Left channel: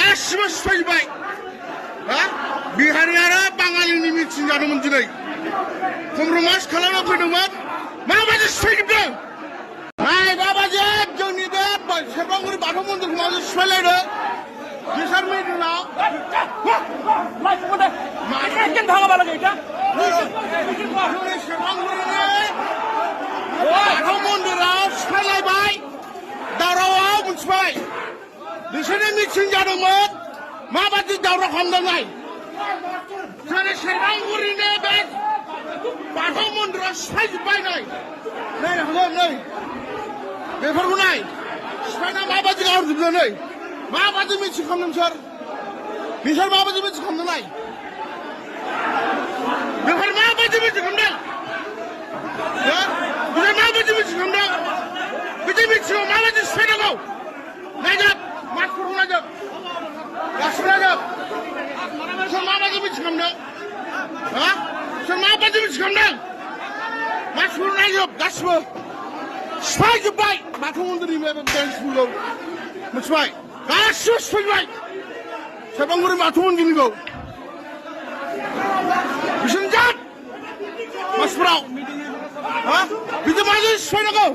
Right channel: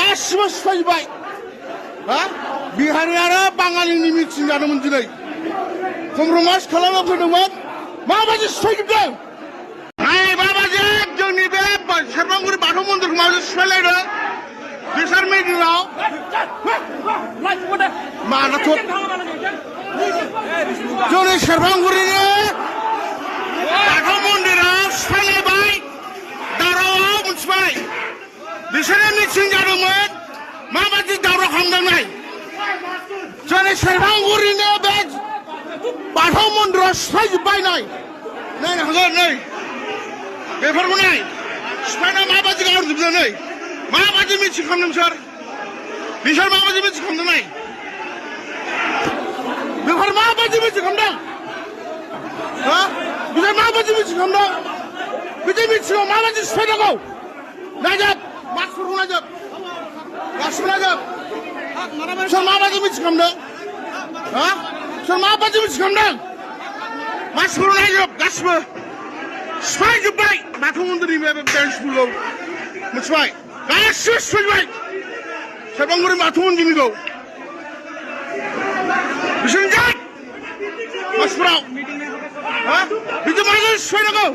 गासिबो सिफायजोब्बाय बिहारि आरो बाङालिनि मिथिं जादोंमोन दिनै कमप्रमाइज खालामना फैदोंमोन माबायदि सिफायजोबदों नाय माबायदि जोंनि बे सेरफांगुरि बाथौ मन्दिरखौ माबायदि सिफायलायदों बिसार मिडियाव जोंनि सेरफांगुरिनि बाथौ मन्दिराव सिफायलायबाय दावरावआव मोनथिबाय बिसोरनि मिथिं जादोंमोन माबायदि दावराव खालामदों नाय जोंनि सेरफांगुरिनि बे बाथौ मन्दिराव सिफायजोब्बाय नाय नायनो हागोन नै बेफोरखौ नाय सिफायना माबायदि गाहरजोबदों नै माबायदि मिथिं खालामदों बिसोर माबायदि मिथिं खालामदों नाय बेफोर माबायदि मिथिं खालामदों बिसोर माबायदि मिथिं खालामदों बिदि मिथिङाव माबायदि सिफायनांगौ नायजोब मानसिफोरखौ नायजोब गासिबो नायजोब सोर माबायदि मिथिं खालामदों सोर माबायदि मिथिं खालामदों मानसिफोरखौ नायजोब गासिबो सिफायजोब्बाय बाथौ मन्दिरनि बे बेन्सफोरखौ मिथिबाय गासिबो सिफायजोब्बाय सेरफांगुरि बाथौ मन्दिरनिखौ बिसोरनि जात मानसिफोराव बिदि माजों सिफायनांगौ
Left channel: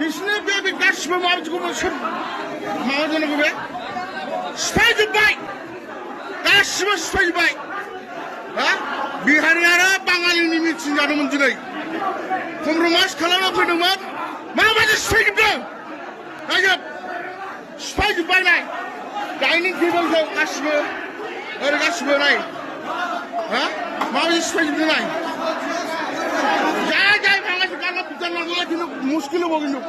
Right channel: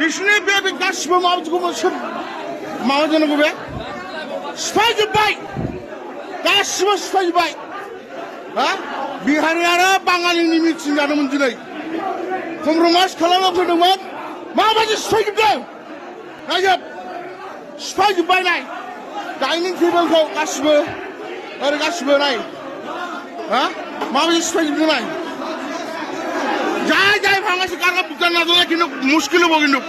बिसोरनि बे गासिबो माबायदिखौ सोर माबा जानांगौ बे सिफायजोब्बाय गासिबो सिफायजोब्बाय बिहारि आरो बाङालिनि मिथिं जादोंमोन दिनै कमप्रमाइज खालामना फैदोंमोन माबायदि सिफायजोबदों नायजोब सिफायजोब्बाय नाय डाइनिं टेबोलखौ गासिबो ओरै गासिबो नाय माबायदि सिफायजोबदों नाय जाय जाय भाঙাছে কাকা বুঝতে না দিলে কিন্তু মুশকিল হবো কিন্তু